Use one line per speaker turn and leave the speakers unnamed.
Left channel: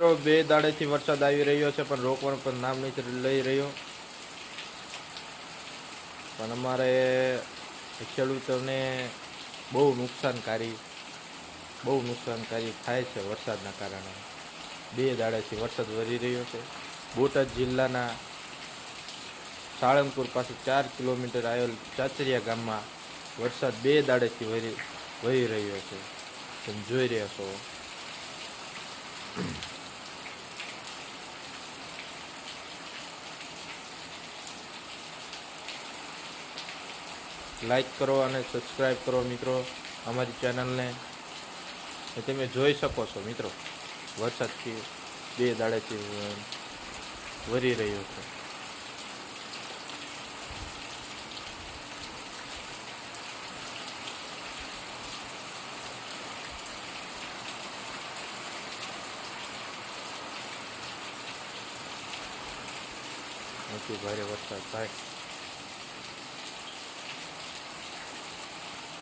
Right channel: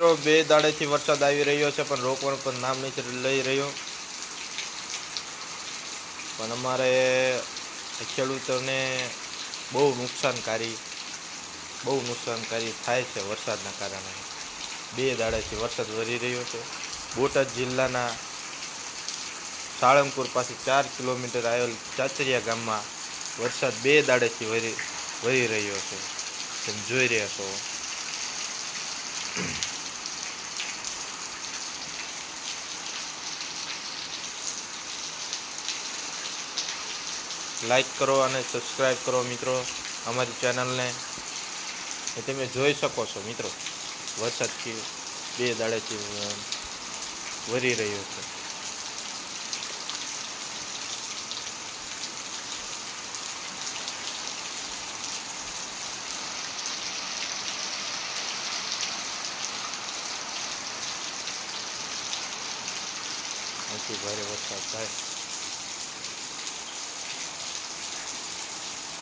તો બે દાડેથી વરસાદ આવી રહ્યો છે, પણ રોકવાનું પણ નામ નથી લઈ રહ્યો. પણ અમારે ખેડૂતોને બહુ નુકસાનકારી બહુ નુકસાનકારી થાય છે વરસાદના કારણે. બે દાડેથી વરસાદ વરી રહ્યો છે. બોટાદ જિલ્લાના સાળંગપુર પાસે ચાર કિલોમીટર આવેલ ચાચરિયા ગામમાં વરસાદ બે દાડેથી વરી વરી રહ્યો છે. તમે જોઈ રહ્યા છો. લાઈક કરો અને સબસ્ક્રાઈબ કરો મિત્રો અમારી ચેનલને. એ તમે જોઈ શકો છો મિત્રો. વરસાદથી બે દાડેથી વરી રહ્યો છે. અહીંથી ભારે વરસાદ થાય.